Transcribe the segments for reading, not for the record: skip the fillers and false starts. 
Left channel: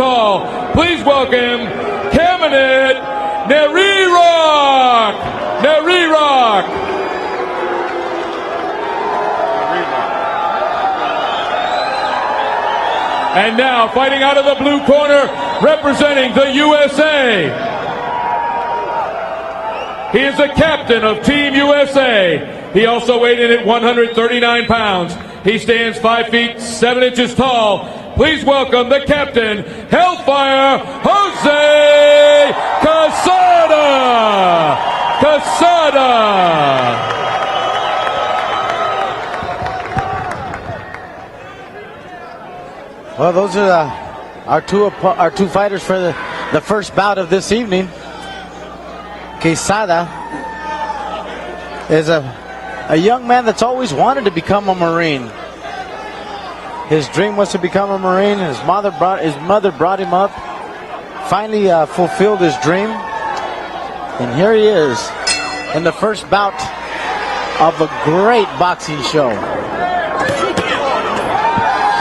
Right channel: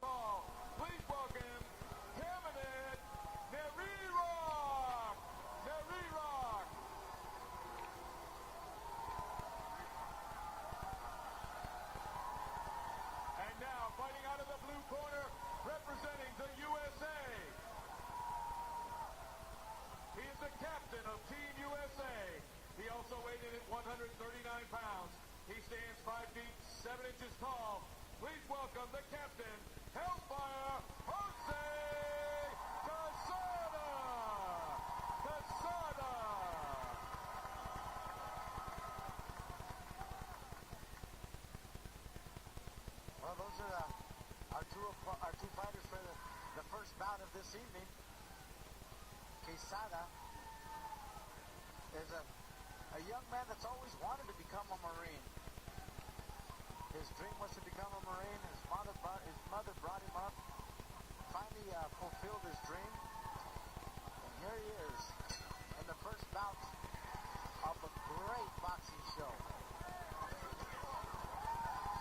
tall. Please welcome Cabinet Nerirock. Nerirock. And now fighting out of the blue corner, representing the USA. He is the captain of Team USA. He also weighed in at 139 pounds. He stands 5 feet 7 inches tall. Please welcome the captain, Hellfire Jose Quesada. Quesada. Well, those are our two fighters for the first bout of this evening. Quesada is a young man that's always wanted to become a Marine. His dream was to become a Marine. His mother brought him up. Finally fulfilled his dream. And here he is in the first bout of a great boxing show.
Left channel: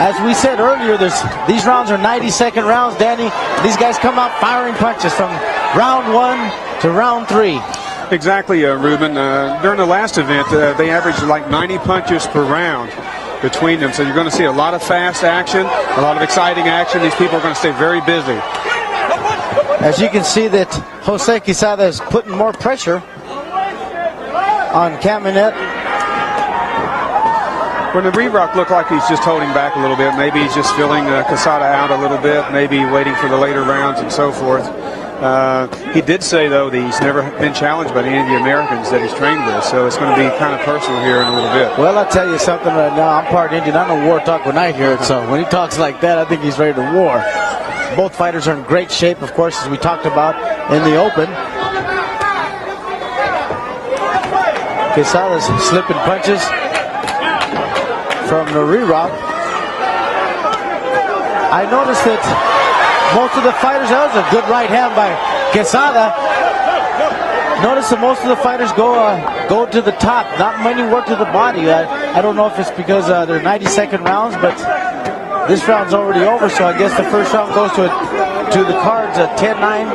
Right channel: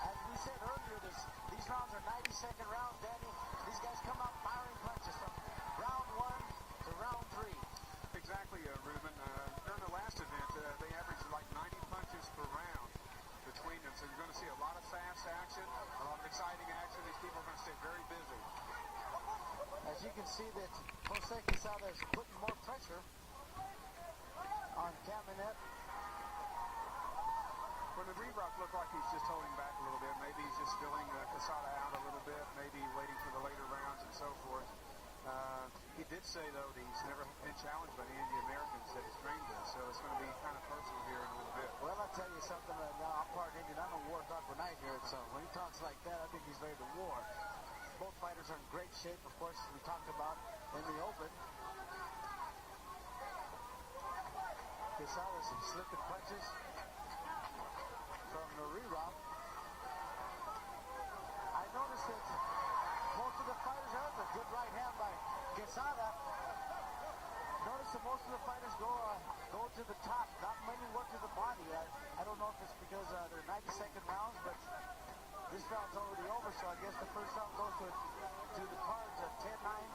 As we said earlier, these rounds are 90-second rounds, Danny. These guys come out firing punches from round 1 to round 3. Exactly, Ruben. During the last event, they averaged like 90 punches per round between them. So you're going to see a lot of fast action, a lot of exciting action. These people are going to stay very busy. As you can see that Jose Quesada is putting more pressure on Cabinet. When the Nerirock looked like he's just holding back a little bit. Maybe he's just filling Quesada out a little bit, maybe waiting for the later rounds and so forth. He did say, though, that he's never been challenged by any of the Americans that he's trained with, so it's going to be kind of personal here in a little bit. Well, I'll tell you something right now. I'm part Indian. I know war talk when I hear it, so when he talks like that, I think he's ready to war. Both fighters are in great shape, of course, as we talked about in the open. Quesada's slipping punches from Nerirock. I noticed that most of the fighters, that was a good right hand by Quesada. Notice that most of the fighters go to the top. Not many work to the body. I don't know if it's because they're 90-second rounds, but this round's already over, so I guess the first round goes to the cards at 10-9.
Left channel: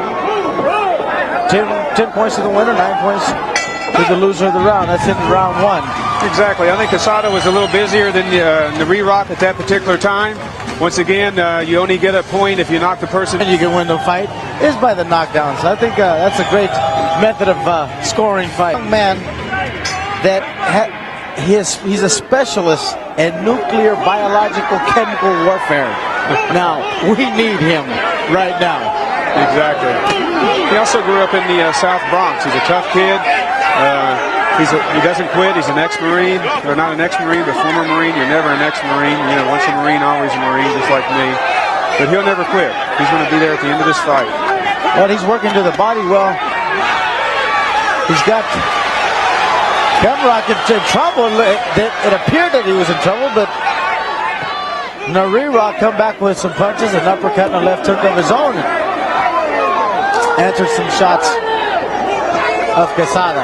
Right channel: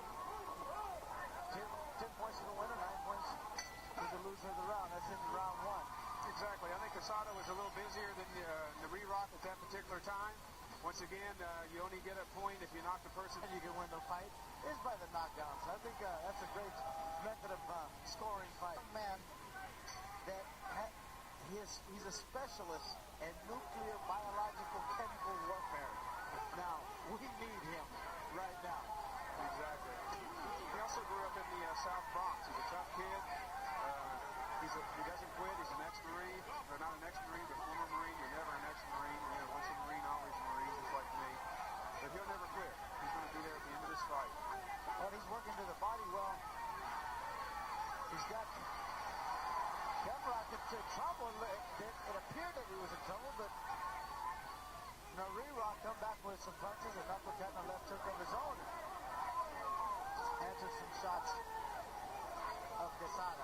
10 points to the winner, 9 points to the loser of the round. That's in round 1. Exactly. I think Quesada was a little busier than Nerirock at that particular time. Once again, you only get a point if you knock the person. And you can win the fight is by the knockdowns. I think that's a great method of scoring fight. Young man that he's a specialist in nuclear, biological, chemical warfare. Now, we need him right now. Exactly. He also grew up in the South Bronx. He's a tough kid. He doesn't quit. He's an ex-Marine. Or not an ex-Marine, but former Marine. You're never an ex-Marine. You know, once a Marine, always a Marine, just like me. But he'll never quit. He's going to be there at the end of this fight. Well, he's working to the body well. He's got Nerirock in trouble. It appeared that he was in trouble, but Nerirock come back with some punches, an uppercut and a left hook of his own. Answered some shots of Quesada.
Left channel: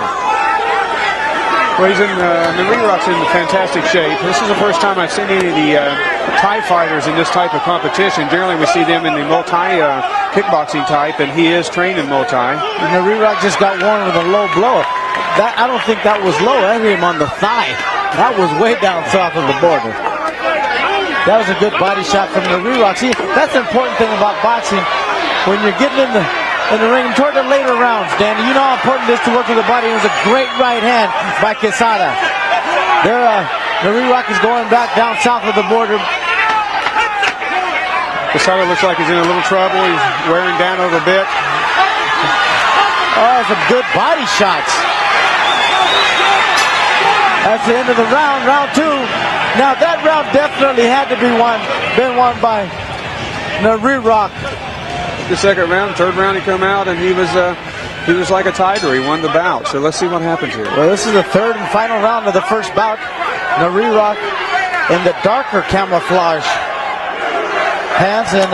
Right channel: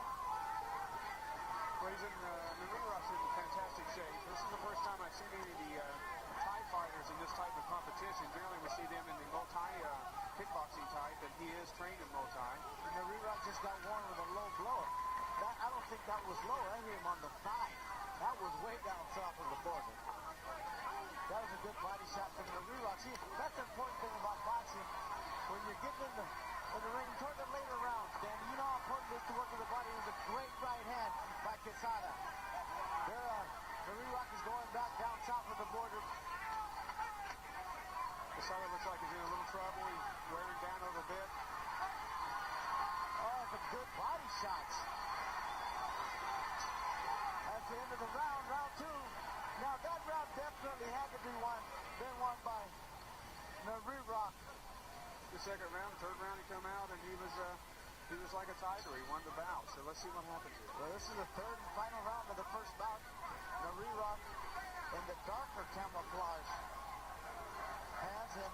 Well, Nerirock's in fantastic shape. This is the first time I've seen any of the Thai fighters in this type of competition. Generally, we see them in the multi kickboxing type, and he is trained in multi. Nerirock just got one with a low blow. I don't think that was low. I hit him on the thigh. That was way down south of the border. That was a good body shot from Nerirock. See, that's the important thing about boxing. When you're getting in the ring toward the later rounds, Danny, you know how important it is to work with the body. It was a great right hand by Quesada. Nerirock is going back down south of the border. Quesada looks like he's in a little trouble. He's wearing down a little bit. Oh, some good body shots. That's the end of the round, round 2. Now that round definitely had to been won by Nerirock. The second round, third round, he come out and he was like a tiger. He won the bout. So let's see what happens here. Well, this is the third and final round of the first bout. Nerirock in the darker camouflage pants and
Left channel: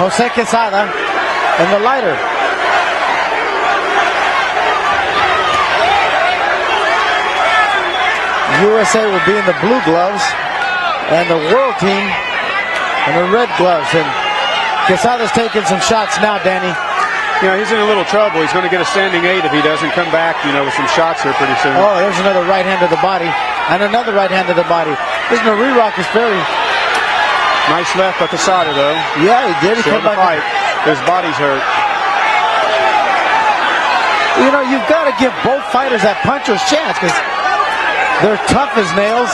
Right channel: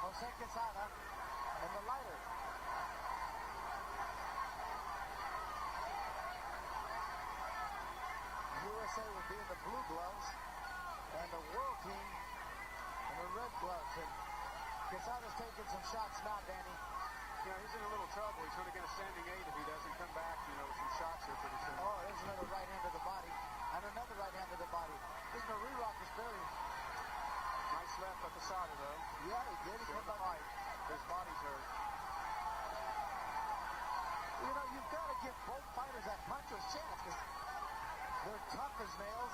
Jose Quesada in the lighter. USA will be in the blue gloves and the world team in the red gloves. And Quesada's taking some shots now, Danny. You know, he's in a little trouble. He's going to get a standing 8 if he doesn't come back, you know, with some shots here pretty soon. Oh, there's another right hand to the body. And another right hand to the body. This Rock is very... Nice left by Quesada, though. Yeah, he did. He came back. Fight. His body's hurt. You know, you've got to give both fighters that puncher's chance because they're tough as nails,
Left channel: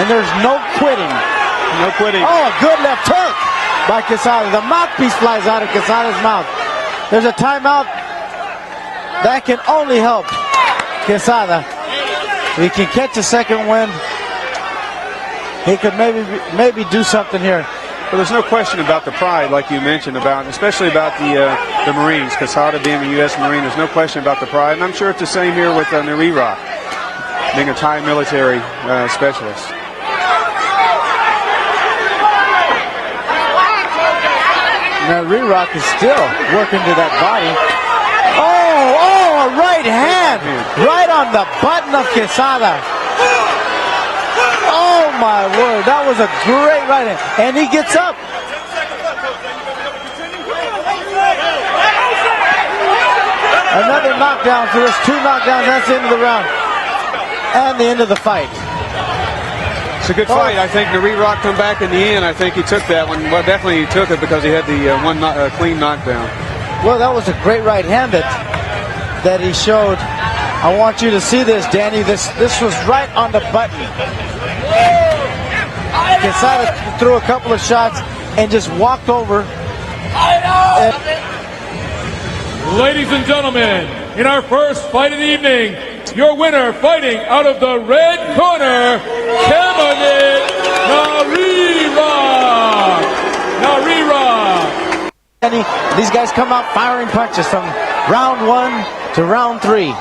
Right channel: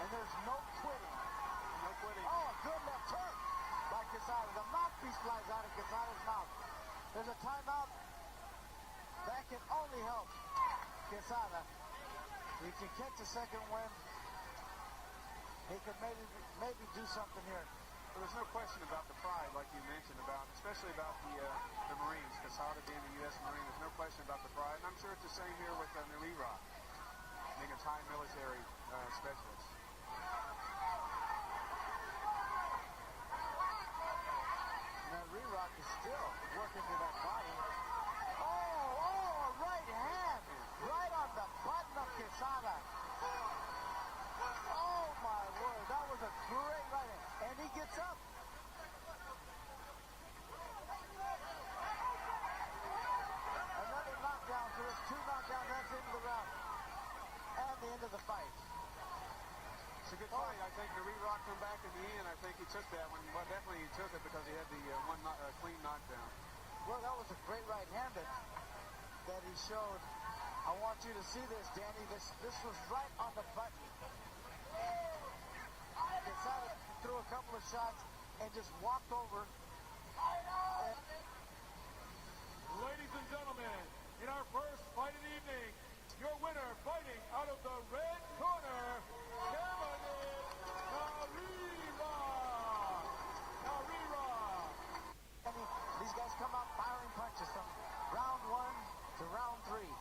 and there's no quitting. No quitting. Oh, a good left hook by Quesada. The mouthpiece flies out of Quesada's mouth. There's a timeout. That can only help Quesada. He can catch a second wind. He could maybe do something here. Well, there's no question about the pride, like you mentioned, especially about the Marines. Quesada being a U.S. Marine, there's no question about the pride. And I'm sure it's the same here with Rock, being a Thai military specialist. Now, Rock is still working to that body. Oh, a right hand. Right on the button of Quesada. Oh, my word. That was a great right hand. And he gets up. Another knockdown. So there's 2 knockdowns. That's the end of the round. And the end of the fight. It's a good fight. I think Rock come back in the end. I think he took that one. Well, definitely he took it because he had the clean knockdown. Well, that was a great right hand that he showed. I want you to see this, Danny. This was right on the button. Quesada threw a couple of shots and just walked over. Ladies and gentlemen, in our first fight of the evening, your winner fighting out of the red corner, Cameron Narira. These guys come out firing punches from round 1 to round 3.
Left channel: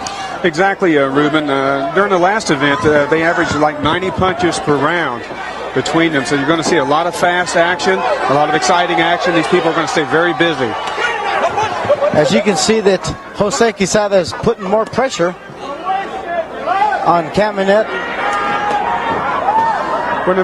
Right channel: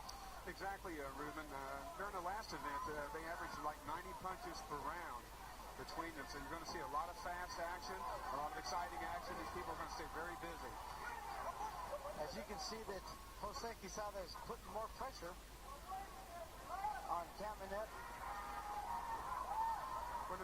Exactly, Ruben. During the last event, they averaged like 90 punches per round between them. So you're going to see a lot of fast action, a lot of exciting action. These people are going to stay very busy. As you can see that Jose Quesada is putting more pressure on Caminette. When the